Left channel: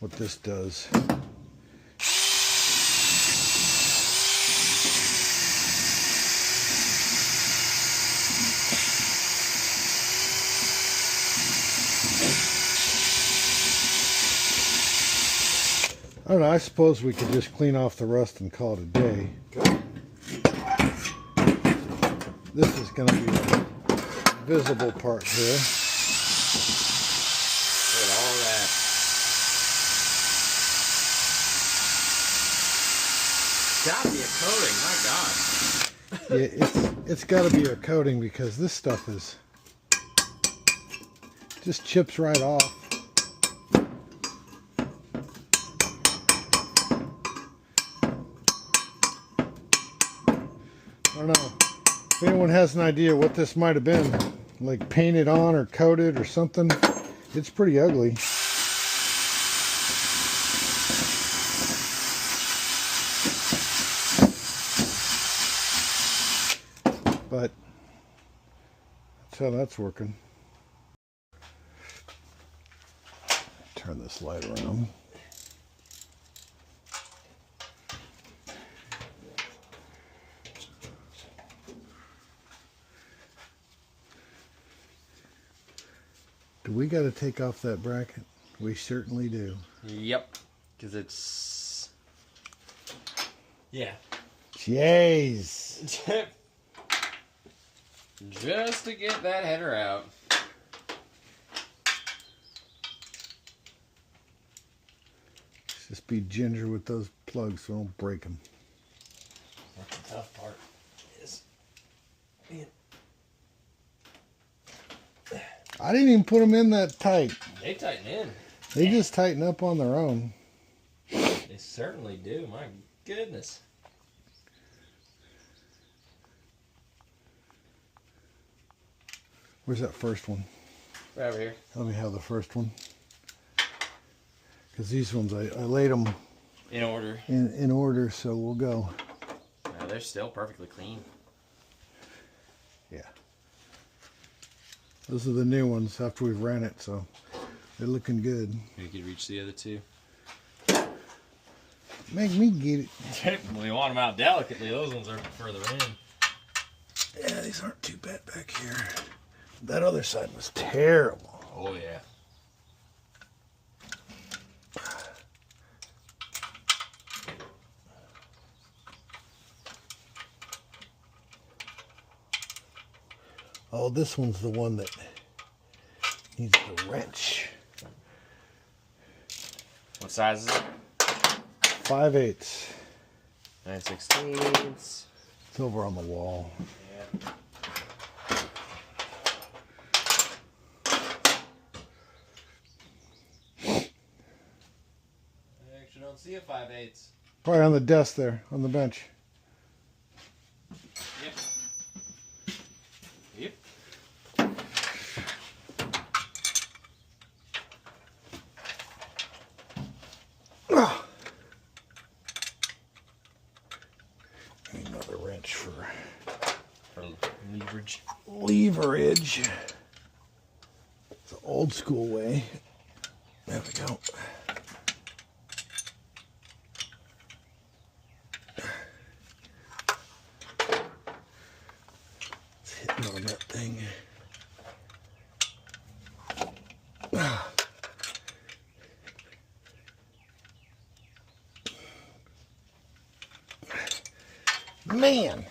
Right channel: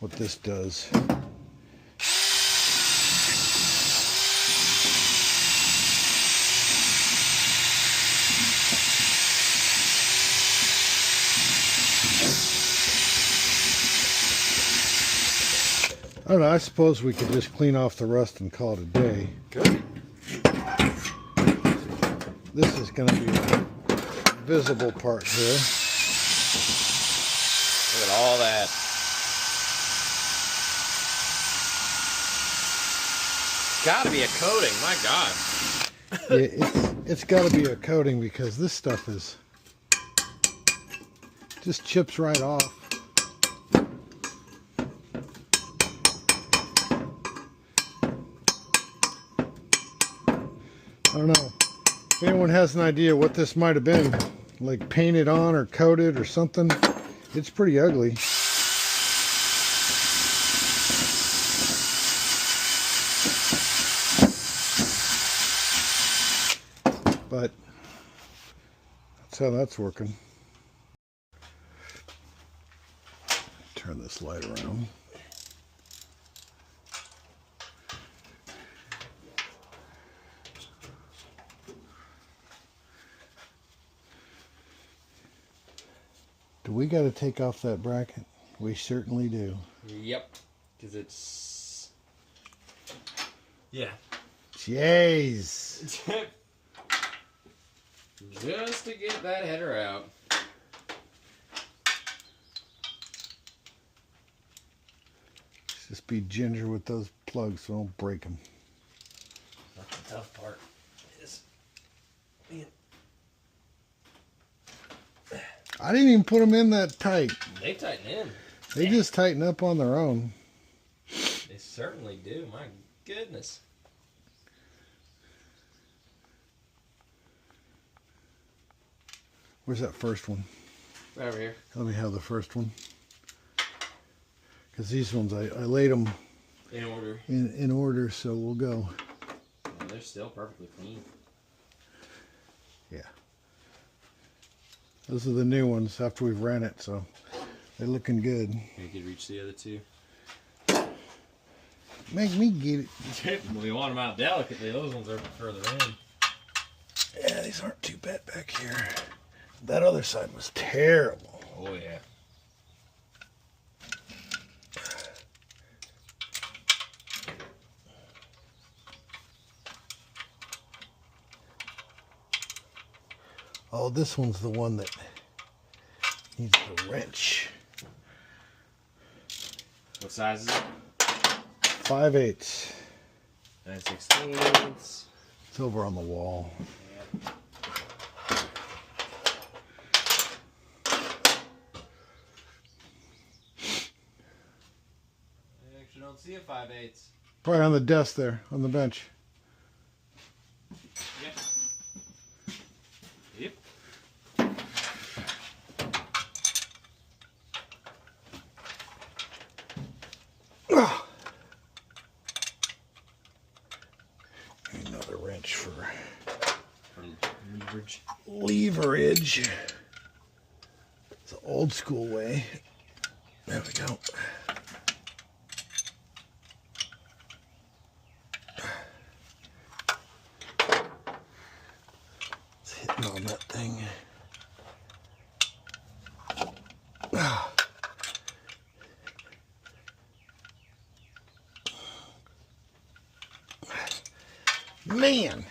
what this does. I don't know, I suppose we could just clean off the rust and call it a day. Good. This is going to be a visible part here. Look at all that. Gotta be a coating, my God. Yeah, it's got to be a coating because this stuff is just chips right off. I don't know if anyone has an idea what this might have been, like painted on or coated or something. It's pretty ugly. But that's how that's working. Turn this light around. Do we got to take off that bracket? We certainly do. Yep. Because it's... Yeah. Jeez. Just to get that header out. Let's just be ginger with those plugs so don't break them. That's the tough part. Is man. I didn't even put them in that tight. They tighten in. They just tighten up on their own. They certainly do. My goodness. Where's that first one? Right over here. Let me have the first one. Because these ones, I laid them In order. in order, so we'll go. No, they're still perfectly clean. Yeah. Those are the new ones after we've ran it, so they're looking good. You could reach the other two. Make me get it. We want them out delicately. Those ones are further in. Yeah, these aren't too bad back here. That other side was terrible. Oh, yeah. Oh, this one's the one that needs the wrench. What size is it? 5/8. 9/16. It's over on the wall. Yeah. I actually don't see a 5/8. Probably on the desk there, on the bench. Yep. Yep. Ah. Need another wrench for Leverage. leverage. It's the old school way. There we go. It's hitting on that thing. Ah. Man,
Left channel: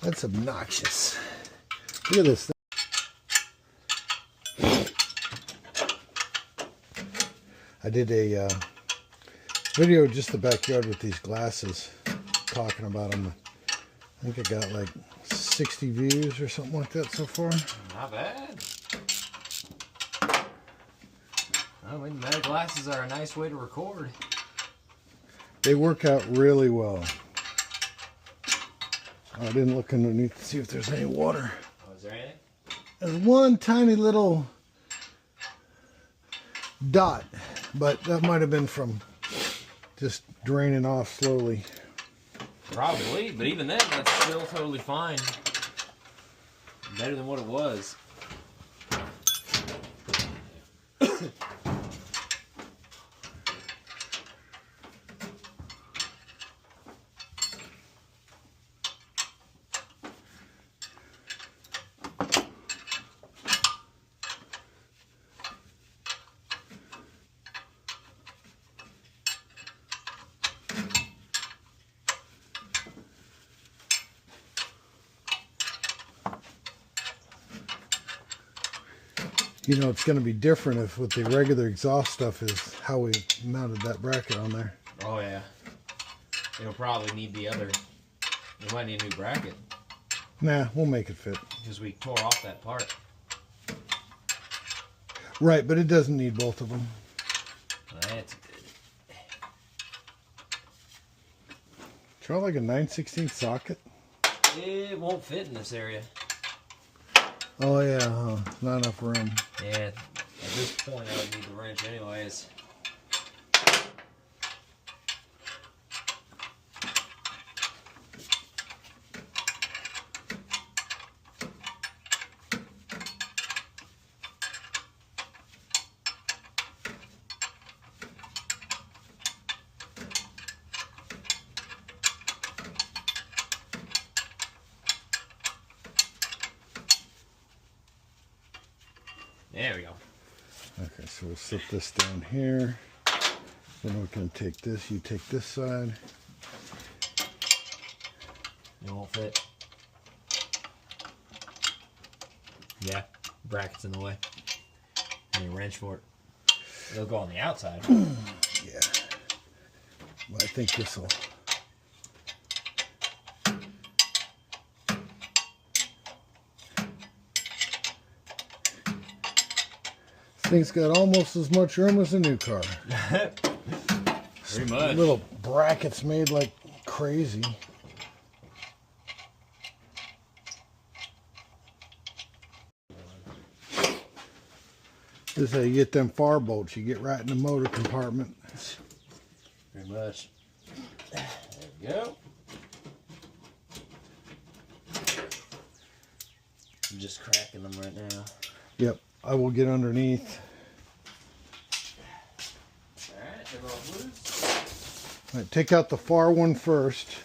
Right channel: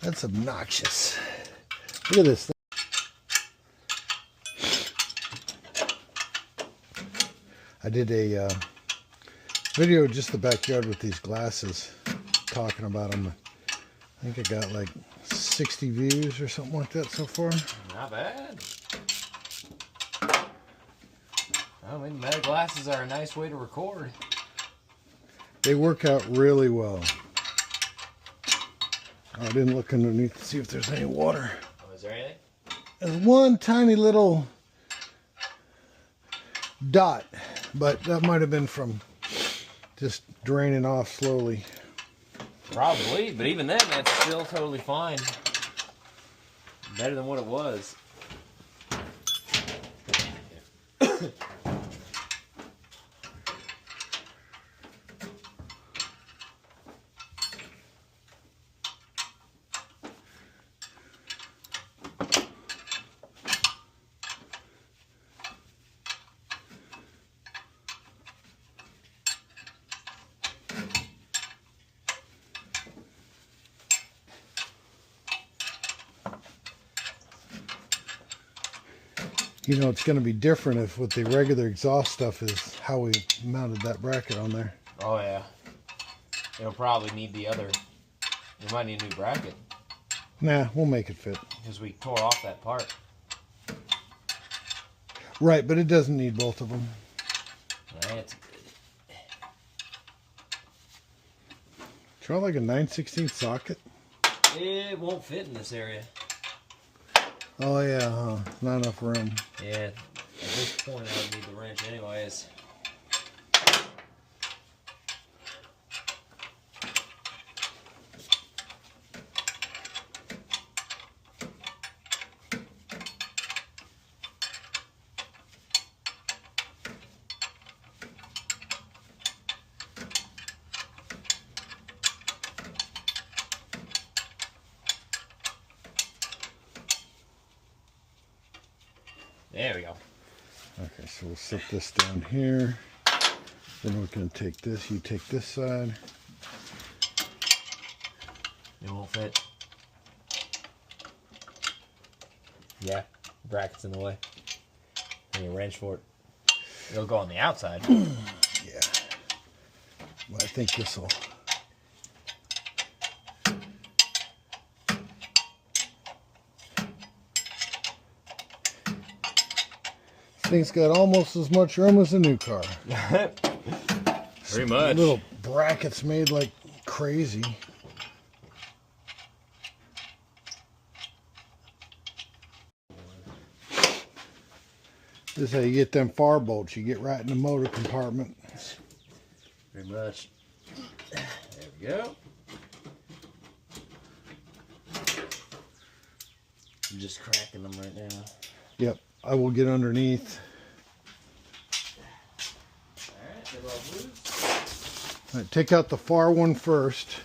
that's obnoxious. Look at this thing. I did a video just the backyard with these glasses, talking about them. I think I got like 60 views or something like that so far. Not bad. I mean, metal glasses are a nice way to record. They work out really well. Oh, I didn't look underneath to see if there's any water. Oh, is there anything? There's one tiny little dot, but that might have been from just draining off slowly. Probably, but even then, that's still totally fine. Better than what it was. You know, it's going to be different if with the regular exhaust stuff is how we mounted that bracket on there. Oh yeah. It'll probably need the other. We might need a new bracket. Nah, we'll make it fit. Because we tore off that part. Right, but it doesn't need both of them. That's good. Try like a 9/16 socket. It won't fit in this area. Oh yeah, huh? Not enough room. Yeah, at this point I would need the wrench anyways. There we go. Okay, so we'll slip this down here. Then we're going to take this. You take this side. It won't fit. Yeah, bracket's in the way. I need a wrench for it. It'll go on the outside. Yeah. Well, I think this will. Thing's got almost as much room as a new car. Pretty much. Little brackets made like crazy. This is how you get them far bolts. You get right in the motor compartment. Pretty much. There we go. I'm just cracking them right now. Yep, I will get underneath. All right, take out the far one first.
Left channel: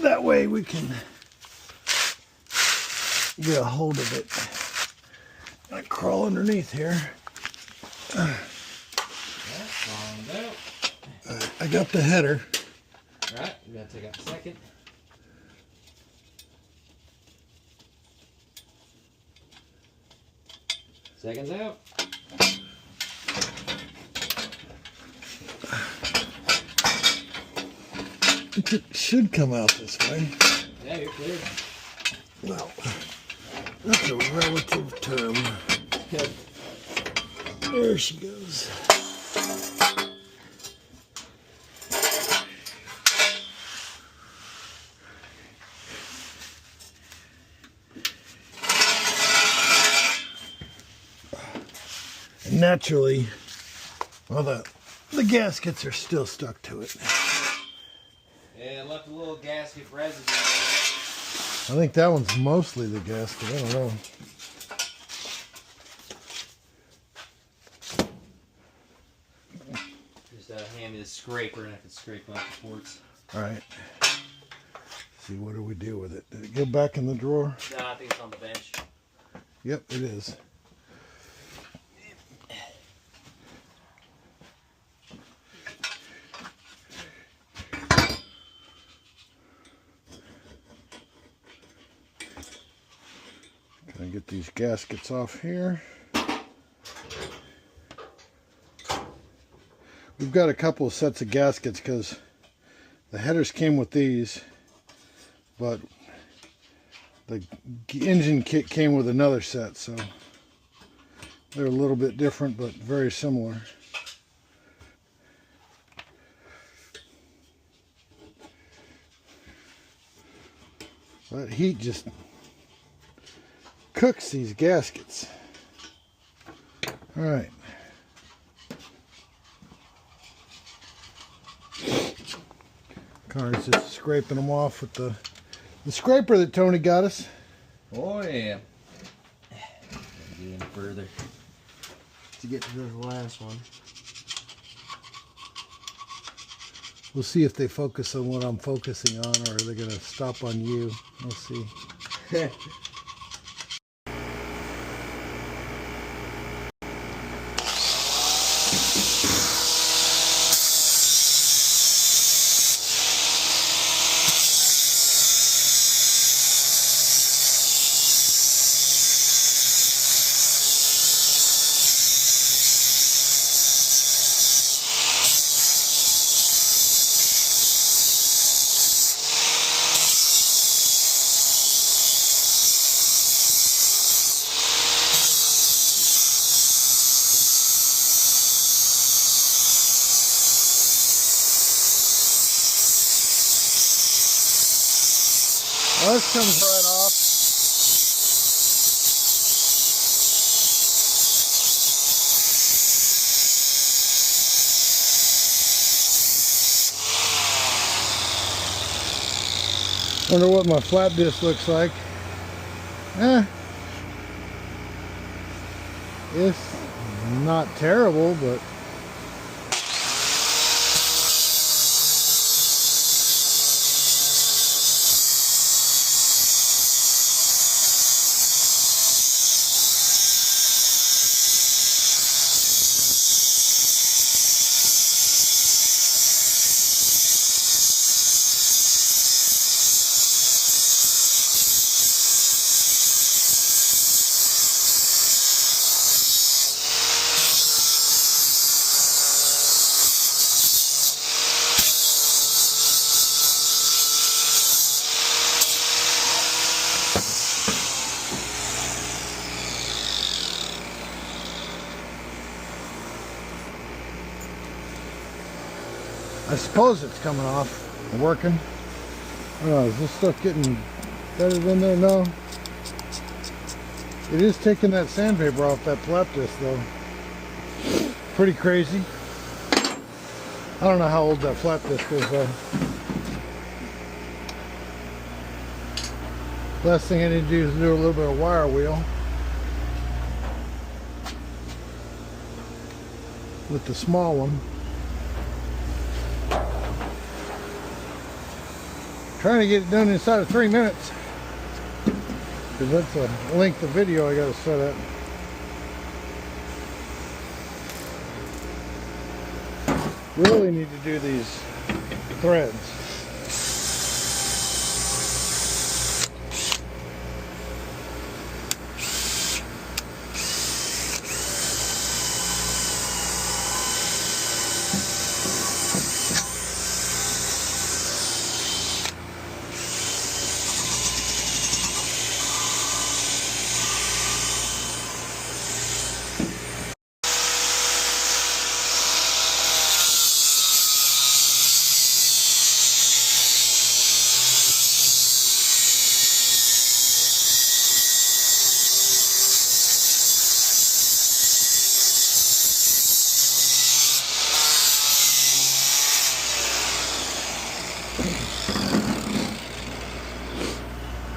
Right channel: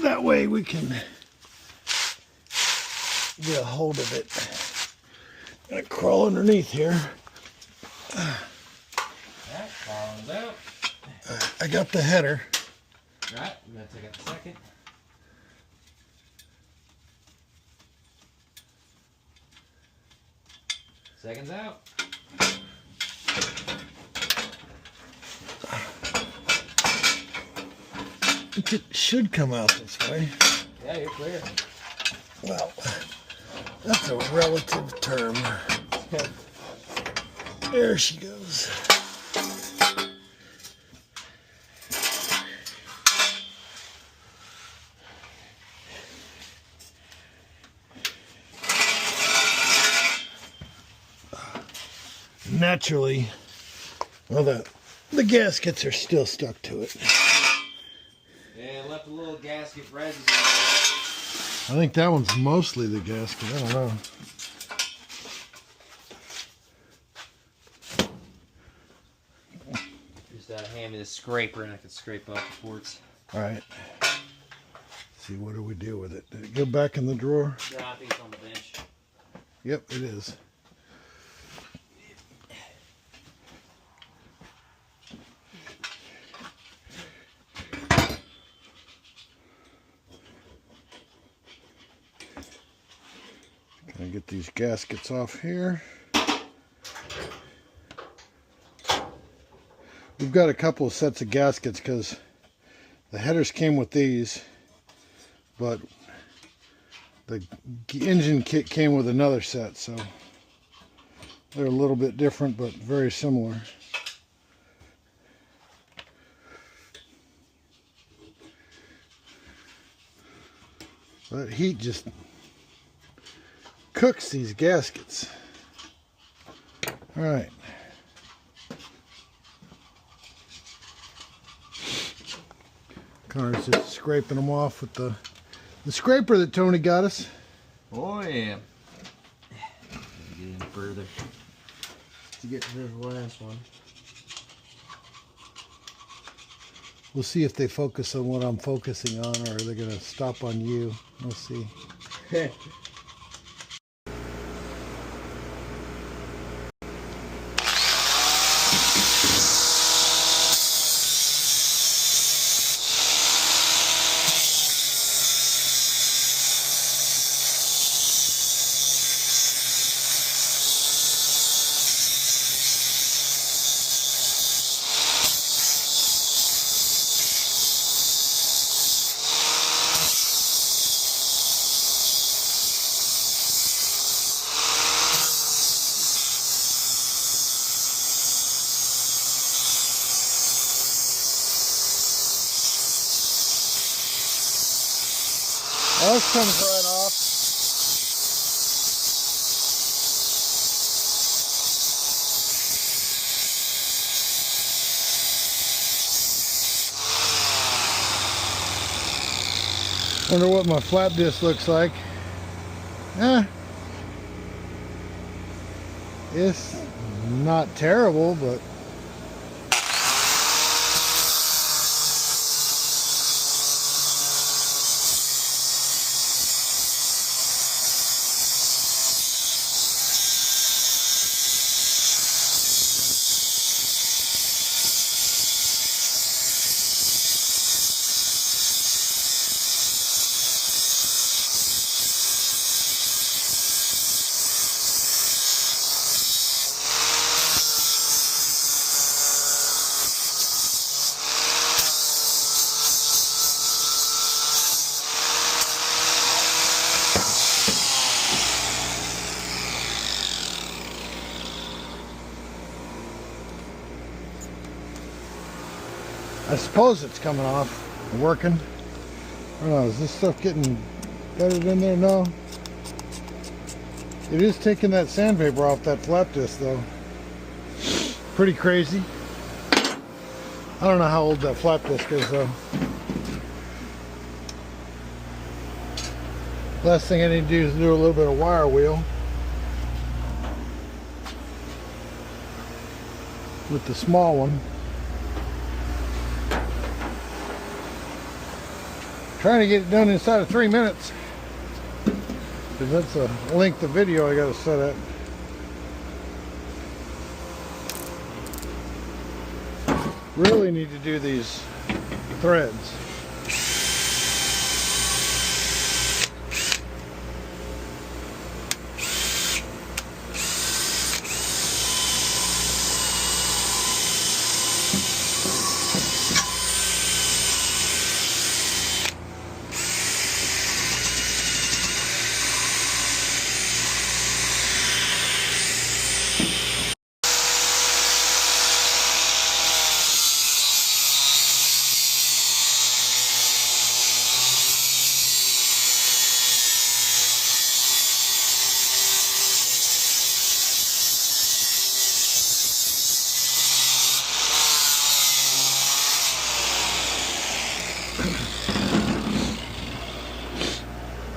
That way we can get a hold of it. I'm gonna crawl underneath here. I got the header. Alright, I'm gonna take out a second. Seconds out. It should come out this way. Yeah, you're clear. Well, that's a relative term. There she goes. Naturally, well, the gaskets are still stuck to it. Yeah, left a little gasket residue. I think that one's mostly the gasket. I don't know. Just hand me the scraper and I can scrape off the ports. All right. See, what do we do with it? Did it go back in the drawer? No, I think it's on the bench. Yep, it is. Can I get these gaskets off here? We've got a couple of sets of gaskets because the headers came with these, but the engine kit came with another set, so they're a little bit different but very similar. But heat just cooks these gaskets. All right. Connor's just scraping them off with the scraper that Tony got us. Oh yeah. Even further to get to this last one. We'll see if they focus on what I'm focusing on, or are they going to stop on you? We'll see. Well, this comes right off. Wonder what my flat disc looks like. It's not terrible, but I suppose it's coming off and working. I don't know, is this stuff getting bedded in there? No. It is taking that sandpaper off that flap disc though. Pretty crazy. I don't know how old that flap disc is though. Last thing I need to do is do a little bit of wire wheel with the small one. Trying to get it done inside of 3 minutes, because that's a length of video I got to set at. Really need to do these threads.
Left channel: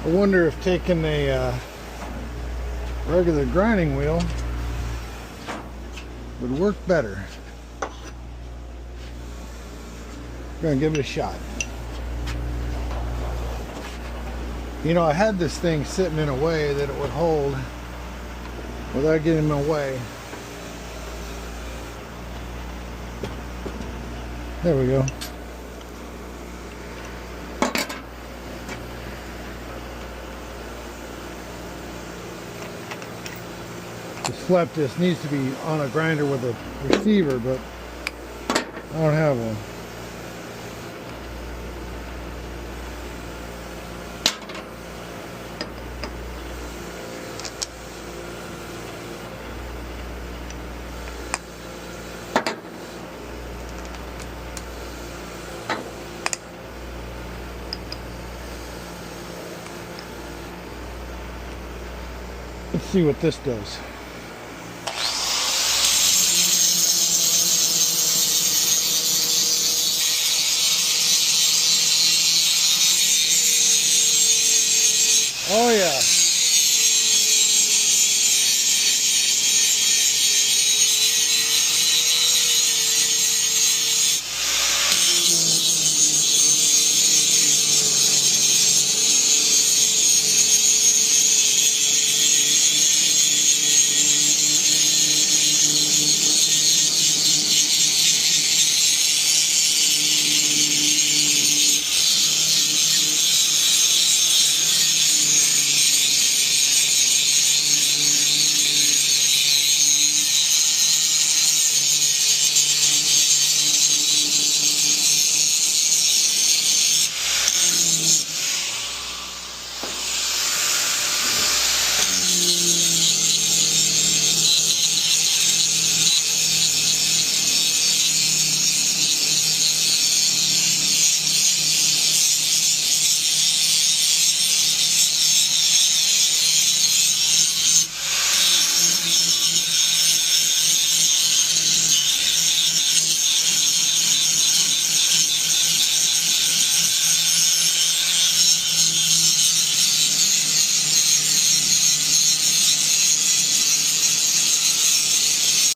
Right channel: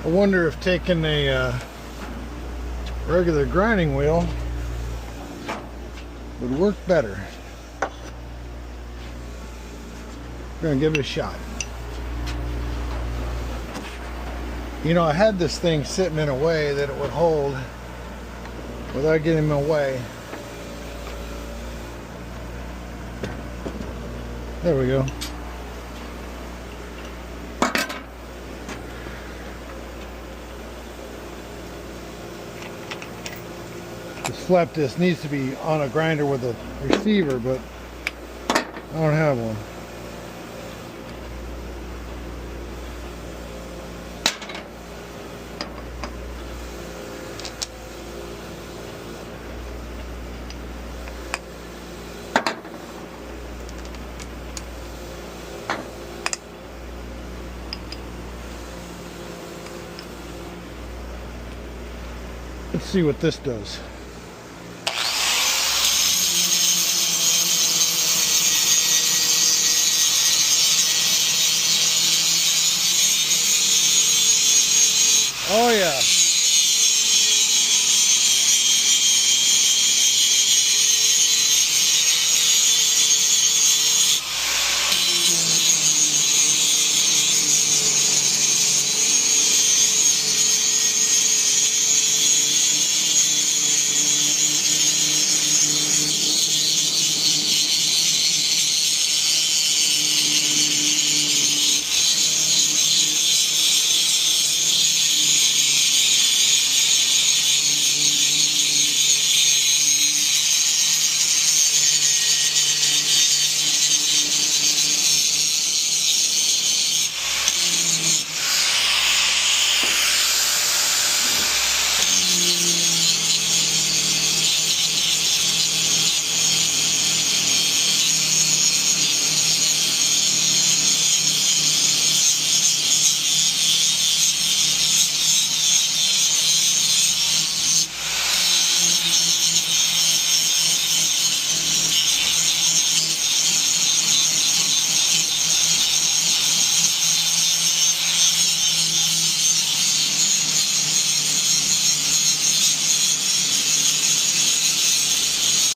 I wonder if taking a regular grinding wheel would work better. We're gonna give it a shot. You know, I had this thing sitting in a way that it would hold without getting in my way. There we go. This flap disc needs to be on a grinder with a receiver, but I don't have one. Let's see what this does.